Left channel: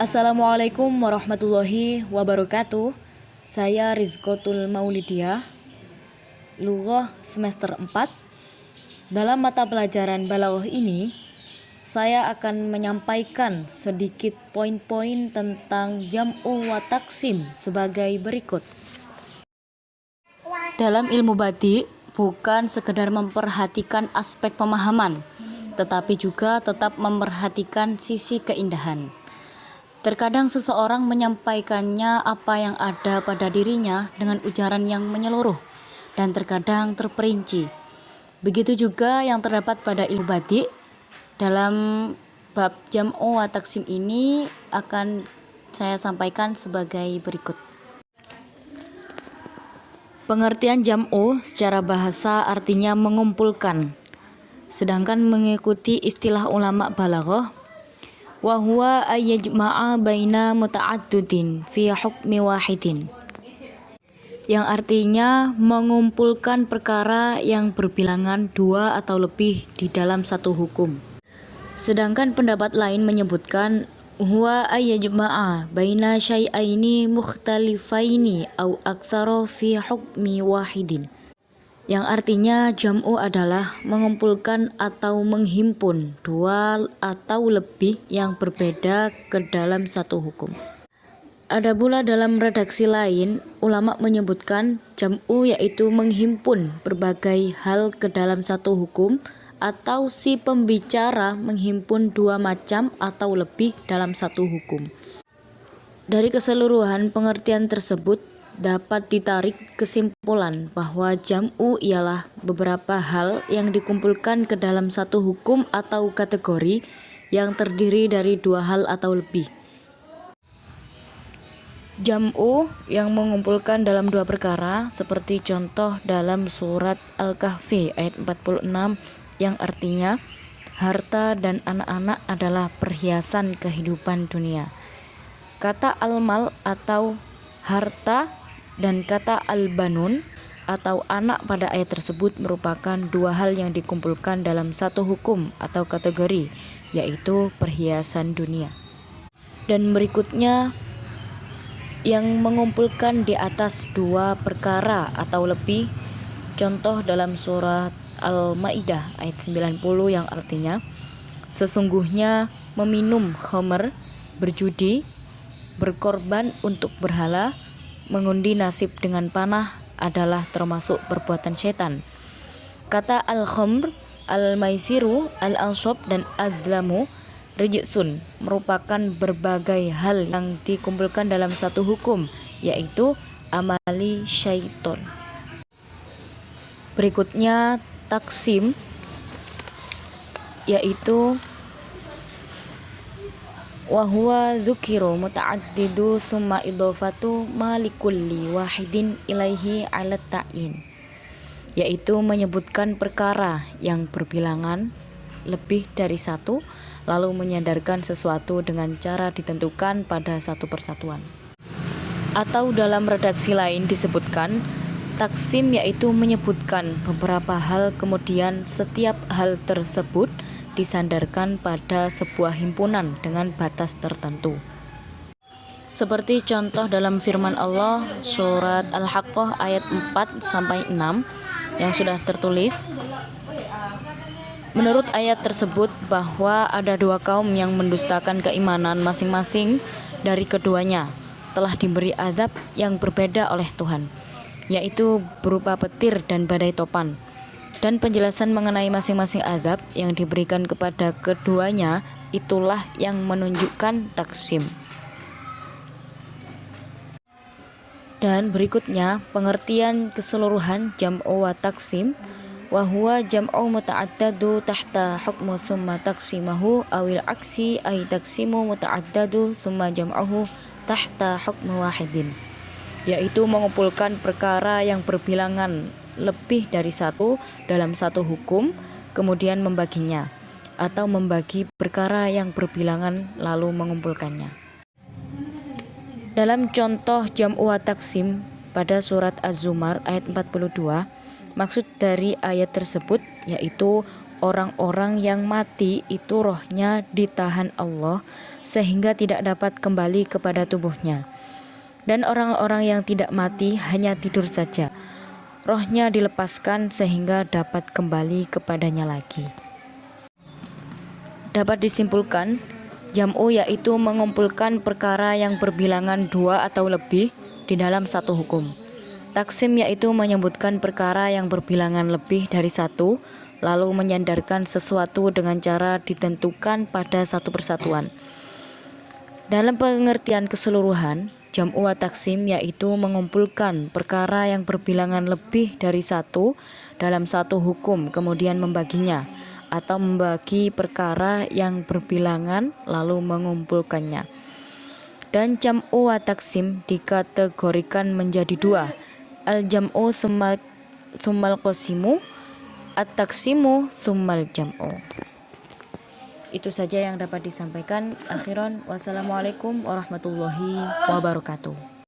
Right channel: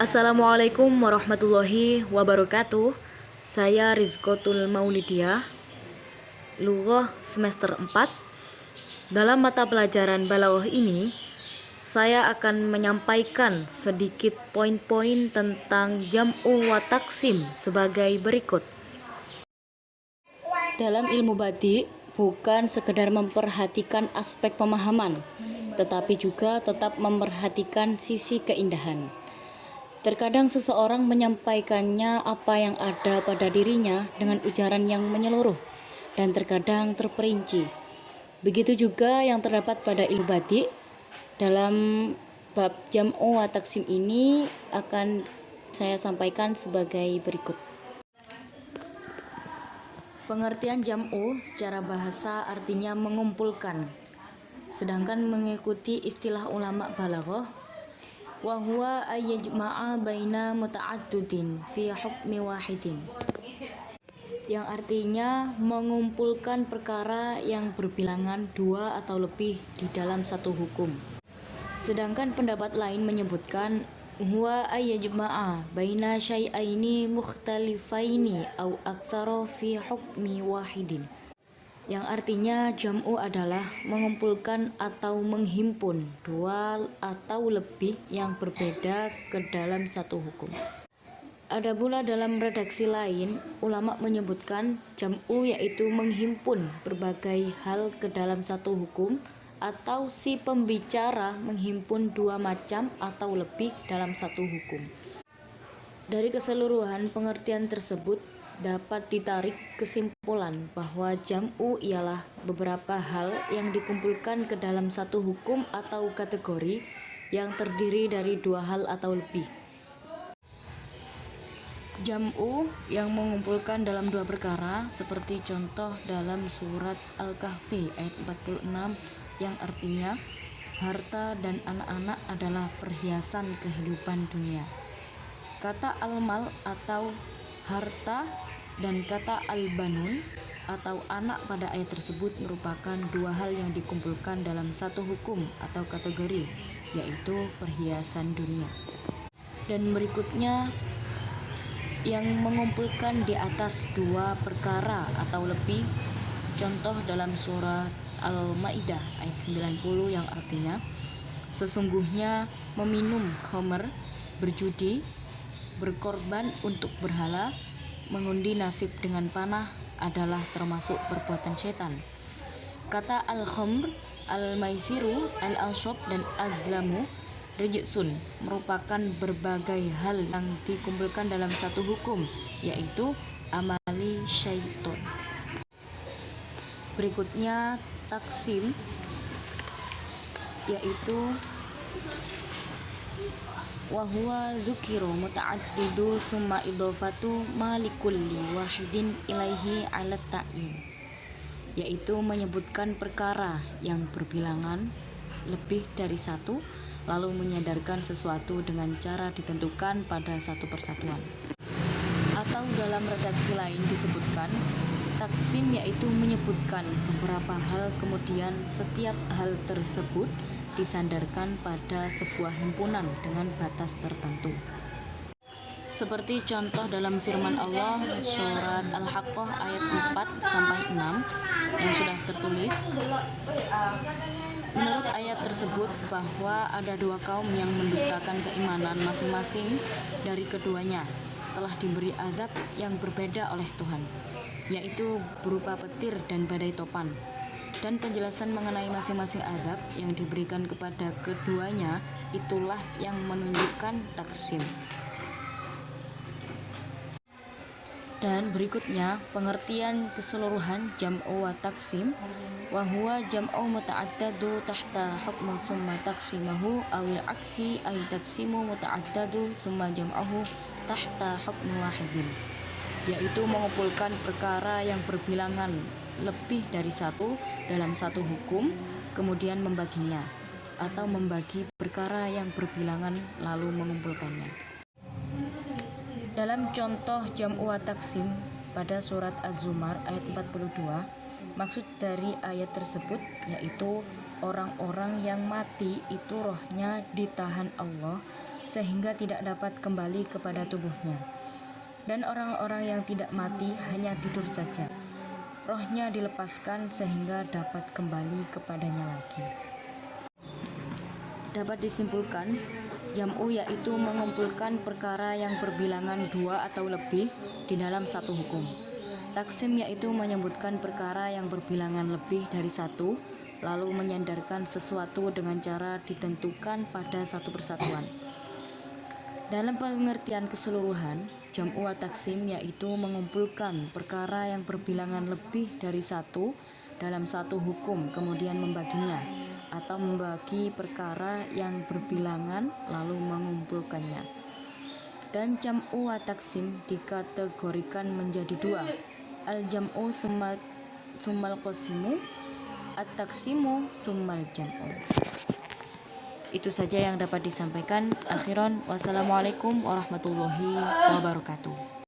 Assalamualaikum warahmatullahi wabarakatuh. Saya Rizkotul Maulidia, Lughah semester 4. Dalam mata pelajaran Balaghah ini, saya akan menyampaikan sedikit poin-poin tentang jam'u wa taksim sebagai berikut. Dalam ilmu badi, bukan sekedar memperhatikan aspek pemahaman, tetapi juga tetap memperhatikan sisi keindahan. Terkadang seseorang menyampaikannya apa yang ada pada dirinya dengan ujaran yang menyeluruh dan terkadang terperinci. Begitu juga yang terdapat pada ilmu badi. Dalam bab jam'u wa taksim ini akan saya sampaikan sebagai berikut. Pengertian jam'u secara bahasa artinya mengumpulkan. Sedangkan mengikuti istilah ulama balaghah, wa huwa ayyajma'a baina muta'addidin fi hukmi wahidin, yang artinya mengumpulkan perkara yang berbilangan dua atau lebih di dalam satu hukum. Sedangkan pendapat lain menyebutkan huwa ayyajma'a baina syai'aini mukhtalifaini au aktsara fi hukmi wahidin, yang artinya jam'u adalah mengumpulkan atau menghimpun dua atau lebih yang berbeda ke dalam satu hukum. Ada pula dalam redaksi lain, ulama menyebutkan jam'u yaitu menghimpun berbagai hal ke dalam satu hukum, atau si pembicara menghimpun dua macam atau lebih dalam satu hukum. Dari keseluruhan pengertian tersebut dapat ditarik kesimpulan bahwa jam'u ialah beberapa hal yang dikumpulkan ke dalam satu hukum atau kategori yang terdiri dari dua hal atau lebih. Jam'u yang mengumpulkan dalam dua perkara seperti contoh dalam surat Al-Kahfi ayat 46 yang artinya harta dan anak-anak adalah perhiasan kehidupan dunia. Kata al-mal atau harta dan kata al-banun atau anak pada ayat tersebut merupakan dua hal yang dikumpulkan dalam satu hukum atau kategori, yaitu perhiasan dunia. Dan berikutnya yang mengumpulkan di atas dua perkara atau lebih, contoh dalam surat Al-Maidah ayat 90 yang artinya sesungguhnya meminum khamr, berjudi, berkorban untuk berhala, mengundi nasib dengan panah adalah termasuk perbuatan setan. Kata al-khamr, al-maisiru, al-anshab dan azlamu rijsun merupakan berbagai hal yang dikumpulkan dalam satu hukum, yaitu amali syaiton. Berikutnya taksim, yaitu wa huwa dzukiru muta'addidu summa idhofatu malikulli wahidin ilaihi ala ta'yin, yaitu menyebutkan perkara yang berbilangan lebih dari satu lalu menyandarkan sesuatu dengan cara ditentukan pada satu persatuan. Atau dalam redaksi lain disebutkan taksim yaitu menyebutkan beberapa hal kemudian setiap hal tersebut disandarkan pada sebuah himpunan dengan batas tertentu. Seperti contoh dalam firman Allah surat Al-Haqqah ayat 4-6 yang sudah tertulis. Menurut ayat tersebut bahwa ada dua kaum yang mendustakan keimanan masing-masing dari keduanya telah diberi azab yang berbeda oleh Tuhan, yaitu berupa petir dan badai topan. Dan penjelasan mengenai masing-masing azab yang diberikan kepada keduanya itulah yang menunjukkan taksim. Dan berikutnya pengertian keseluruhan jam'u wa taksim, wa huwa jam'u muta'addadu tahta hukmu thumma taksimahu awil aksi ay taksimu muta'addadu thumma jam'uhu tahta hukmu wahidin, yaitu mengumpulkan perkara yang berbilangan lebih dari satu dalam satu hukum kemudian membaginya, atau membagi perkara yang berbilangan lalu mengumpulkannya. Dalam contoh jam'u wa taksim pada surat Az-Zumar ayat 42, maksud dari ayat tersebut yaitu orang-orang yang mati itu rohnya ditahan Allah sehingga tidak dapat kembali kepada tubuhnya. Dan orang-orang yang tidak mati hanya tidur saja, rohnya dilepaskan sehingga dapat kembali kepadanya lagi. Dapat disimpulkan, jam'u yaitu mengumpulkan perkara yang berbilangan dua atau lebih di dalam satu hukum. Taksim yaitu menyebutkan perkara yang berbilangan lebih dari satu, lalu menyandarkan sesuatu dengan cara ditentukan pada satu persatuan. Dalam pengertian keseluruhan, jam'u wa taksim yaitu mengumpulkan perkara yang berbilangan lebih dari satu dalam satu hukum, kemudian membaginya, atau membagi perkara yang berbilangan lalu mengumpulkannya. Dan jam'u wa taksim dikategorikan menjadi dua, al-jam'u tsummal qasimu, at-taksimu tsummal jam'u. Itu saja yang dapat disampaikan. Akhiran, wassalamualaikum warahmatullahi wabarakatuh.